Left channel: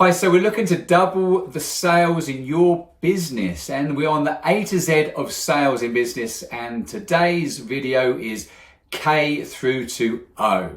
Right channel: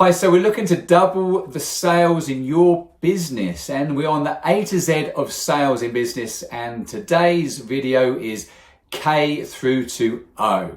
Hi, so we're looking to double the sales in your business, and we're on the A to Z of sales in business, and today's video is K through to O.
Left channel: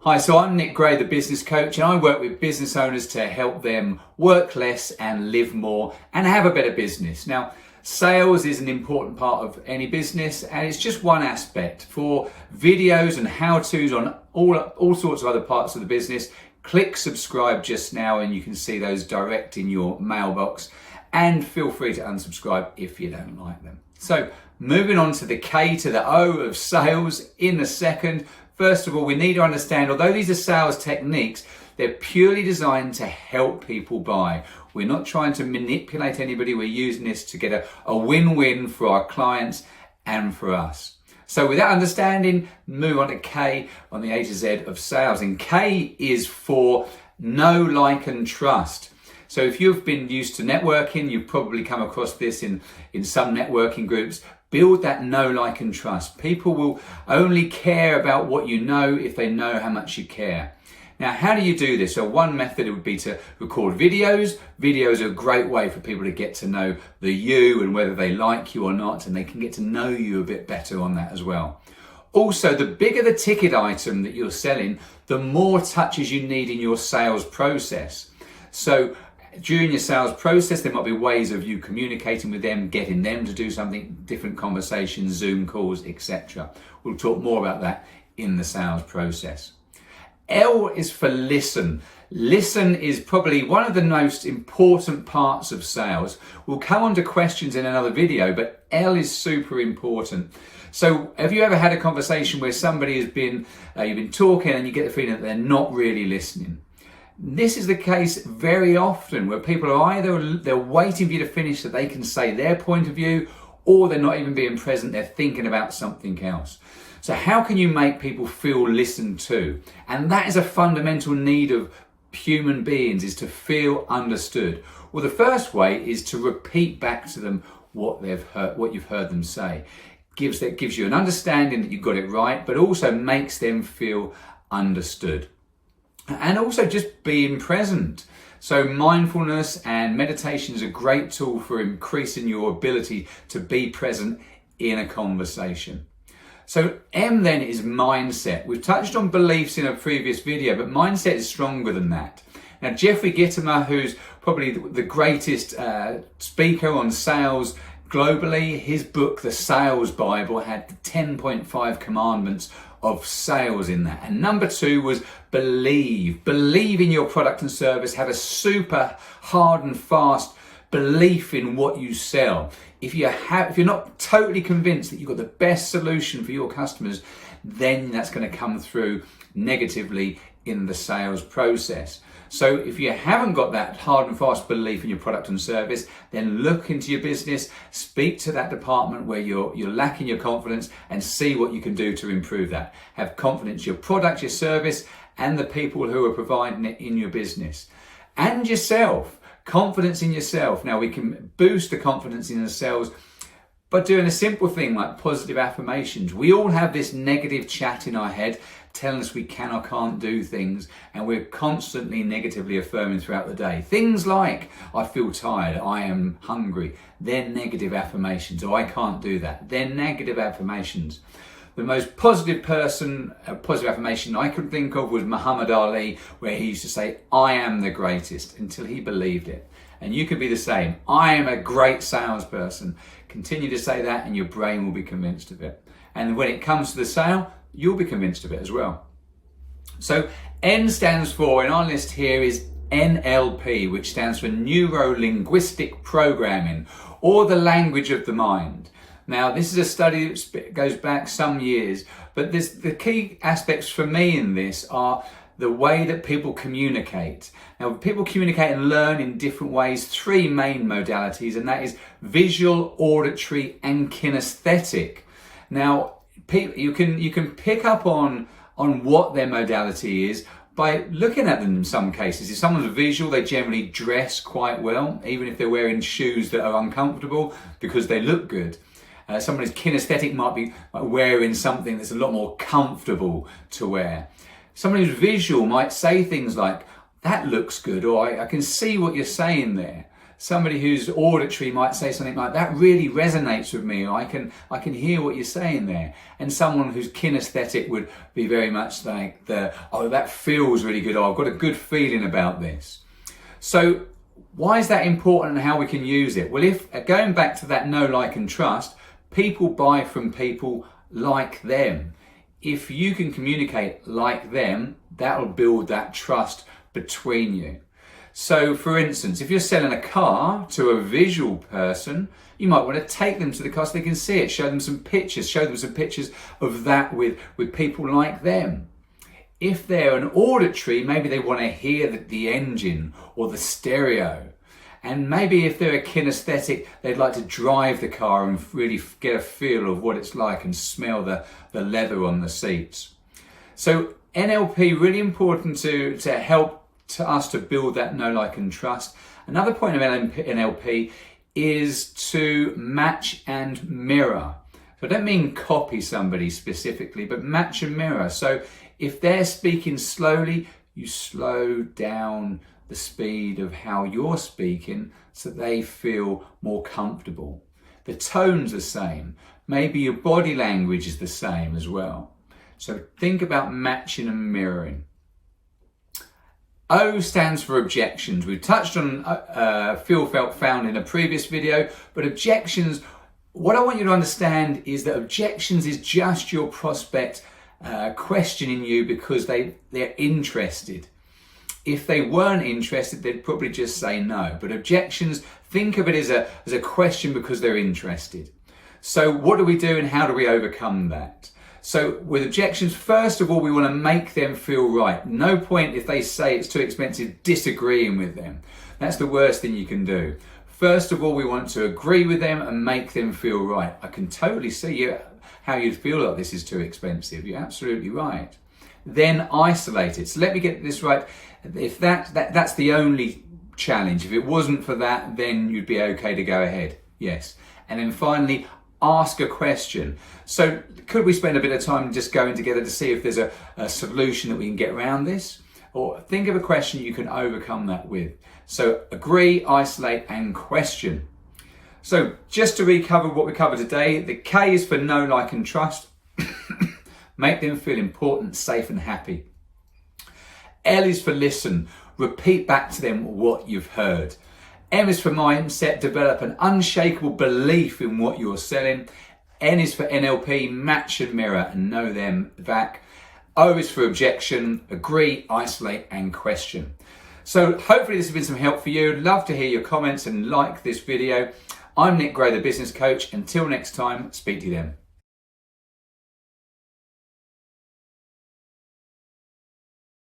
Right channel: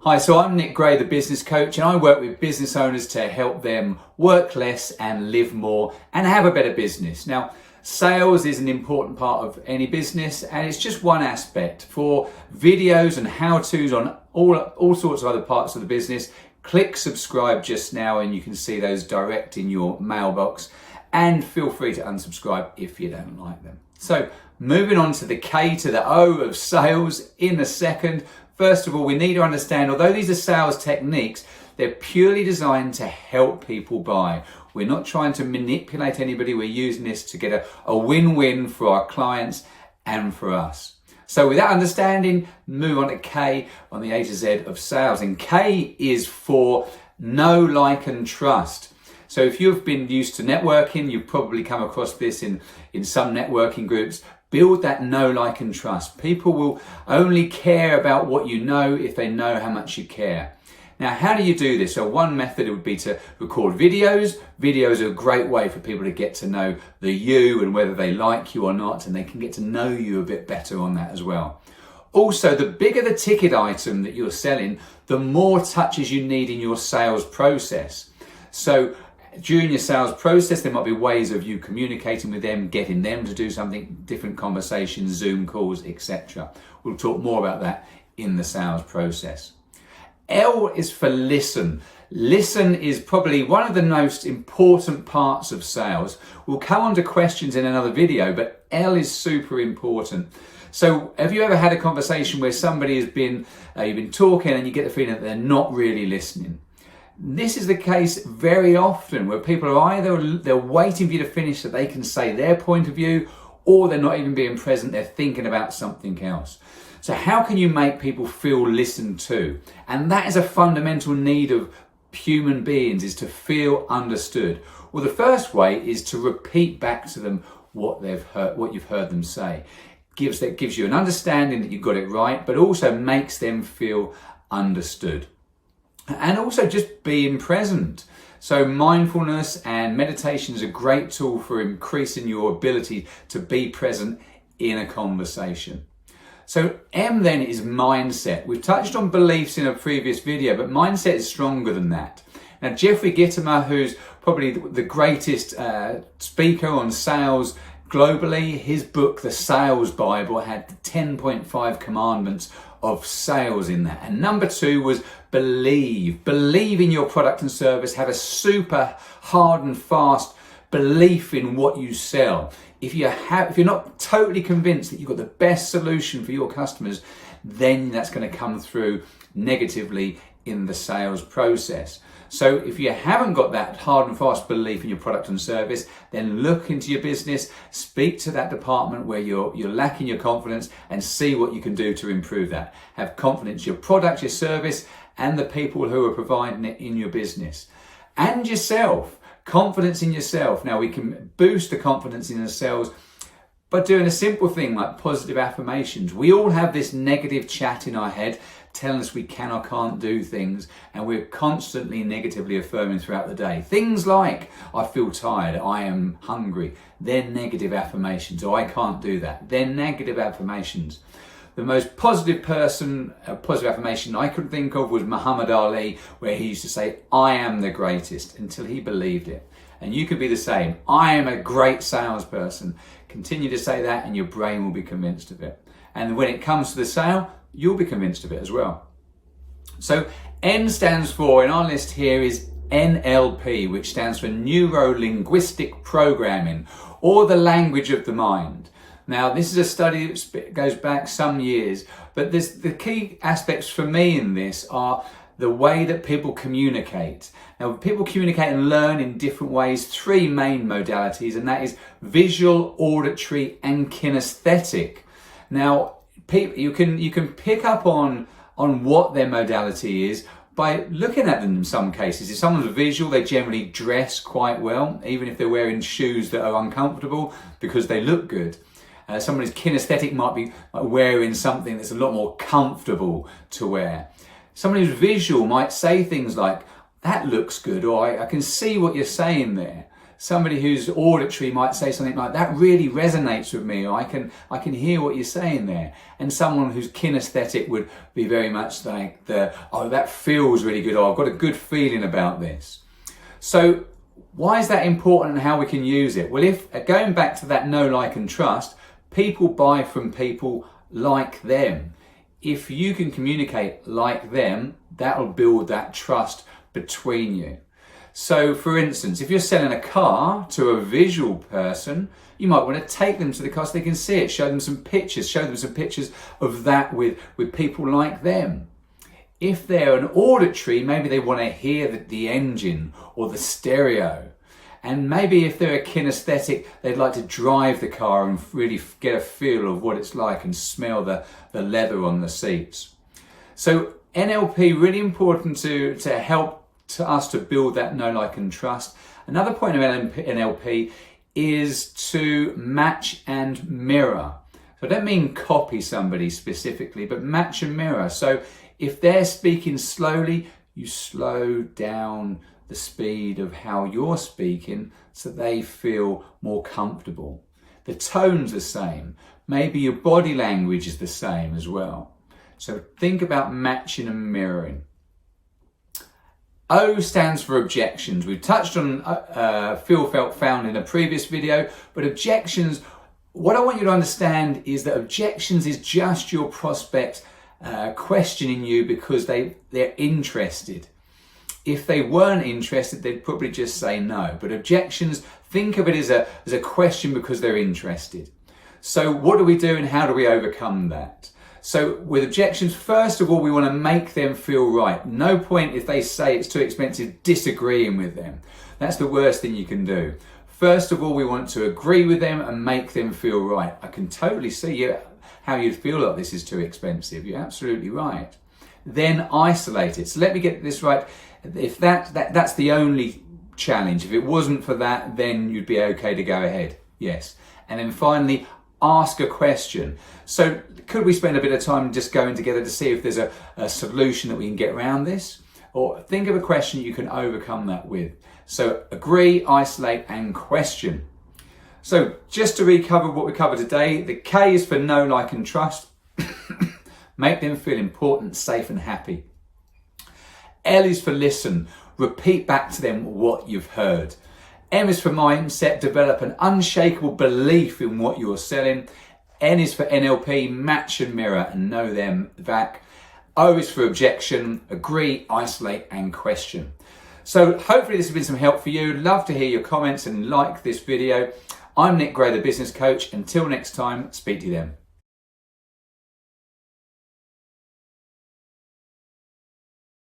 Hi, so I'm Nick Gray, the business coach, and I work with business owners to help them work less and live more and have a better business. Now, sales is an important part of any business, and it's just one aspect. For videos and how-tos on all sorts of other parts of the business, click subscribe just now and you can see those direct in your mailbox, and feel free to unsubscribe if you don't like them. So moving on to the K to the O of sales in a second. First of all, we need to understand, although these are sales techniques, they're purely designed to help people buy. We're not trying to manipulate anybody. We're using this to get a win-win for our clients and for us. So with that understanding, move on to K on the A to Z of sales. And K is for know, like, and trust. So if you've been used to networking, you've probably come across this in some networking groups. Build that know, like, and trust. People will only care about what you know if they know how much you care. Now, how do you do this? So one method would be to record videos. Videos are a great way for people to get to know the you and whether they like you or not, and they can get to know you a bit better on that as well. Also, the bigger the ticket item that you're selling, the more touches you need in your sales process. So during your sales process, there might be ways of you communicating with them, getting them to do something, different conversations, Zoom calls, etc. We'll talk more about that in the sales process. L is for listen. Listen is probably one of the most important parts of sales. We'll come on to questions in another video, but L is super important. So have you ever had a conversation where somebody has been, you've been talking and you get the feeling that they're not really listening? This is the case very often where people are either they're waiting for you to finish so they can say their point of view, or they're not even being present, they're thinking about something else. So how can you make people feel listened to? And that is a fundamental need of human beings, is to feel understood. Well, the first way is to repeat back to them what they've heard, what you've heard them say. That gives you an understanding that you've got it right, but also makes them feel understood. And also just being present. So mindfulness and meditation is a great tool for increasing your ability to be present in a conversation. So M then is mindset. We've touched on beliefs in a previous video, but mindset is stronger than that. Now, Jeffrey Gitomer, who's probably the greatest speaker on sales globally, his book, The Sales Bible, had 10.5 commandments of sales in that. And number 2 was believe. Believe in your product and service. Have a super hard and fast belief in what you sell. If you're not totally convinced that you've got the best solution for your customers, then that's going to come through negatively in the sales process. So if you haven't got that hard and fast belief in your product and service, then look into your business, speak to that department where you're lacking your confidence, and see what you can do to improve that. Have confidence in your product, your service, and the people who are providing it in your business. And yourself. Confidence in yourself. Now, we can boost the confidence in ourselves by doing a simple thing like positive affirmations. We all have this negative chat in our head telling us we can or can't do things, and we're constantly negatively affirming throughout the day. Things like, I feel tired, I am hungry. They're negative affirmations. Or I can't do that. They're negative affirmations. The most positive affirmation I could think of was Muhammad Ali, where he used to say, I am the greatest, until he believed it. And you could be the same. I am a great salesperson. Continue to say that and your brain will be convinced of it. And when it comes to the sale, you'll be convinced of it as well. So N stands for, in our list here, is NLP, which stands for Neuro-Linguistic Programming, or the language of the mind. Now, this is a study that goes back some years, but the key aspects for me in this are the way that people communicate. Now, people communicate and learn in different ways, 3 main modalities, and that is visual, auditory, and kinesthetic. Now, you can pick up on what their modality is by looking at them in some cases. If someone's visual, they generally dress quite well, even if they're wearing shoes that are uncomfortable, because they look good. Someone who's kinesthetic might be wearing something that's a lot more comfortable to wear. Someone who's visual might say things like, that looks good, or I can see what you're saying there. Somebody who's auditory might say something like, that really resonates with me, or I can hear what you're saying there. And someone who's kinesthetic would be very much like, oh, that feels really good, or I've got a good feeling about this. So why is that important and how we can use it? Well, if going back to that know, like and trust, people buy from people like them. If you can communicate like them, that'll build that trust between you. So for instance, if you're selling a car to a visual person, you might want to take them to the car so they can see it, show them some pictures of that with people like them. If they're an auditory, maybe they want to hear the engine or the stereo. And maybe if they're a kinesthetic, they'd like to drive the car and really get a feel of what it's like and smell the leather on the seats. So NLP, really important to help to us to build that know, like and trust. Another point of NLP is to match and mirror. So I don't mean copy somebody specifically, but match and mirror. So if they're speaking slowly, you slow down the speed of how you're speaking so they feel more comfortable. The tone's the same. Maybe your body language is the same as well. So think about matching and mirroring. O stands for objections. We touched on feel, felt, found in a previous video, but objections, what I want you to understand is that objections is just your prospect questioning you because they're interested. If they weren't interested, they'd probably just say no. But objections, think of it as a question because they're interested. So what do we do and how do we overcome that? So with objections, first of all, we want to make them feel right. No point if they say it's too expensive, disagreeing with them. That's the worst thing you can do. First of all, we want to agree with them and make them feel right. I can totally see how you'd feel like this is too expensive. You're absolutely right. Then isolate it. So let me get this right. If that's the only challenge, if it wasn't for that, then you'd be okay to go ahead. Yes. And then finally, ask a question. So could we spend a bit of time just going together to see if there's a solution that we can get around this? Or think of a question you can overcome that with. So agree, isolate, and question. So just to recover what we covered today, the K is for know, like, and trust. Make them feel important, safe, and happy. L is for listen. Repeat back to them what you've heard. M is for mindset. Develop an unshakable belief in what you're selling. N is for NLP. Match and mirror and know them back. O is for objection. Agree, isolate, and question. So hopefully this has been some help for you. Love to hear your comments and like this video. I'm Nick Gray, the business coach. Until next time, speak to you then.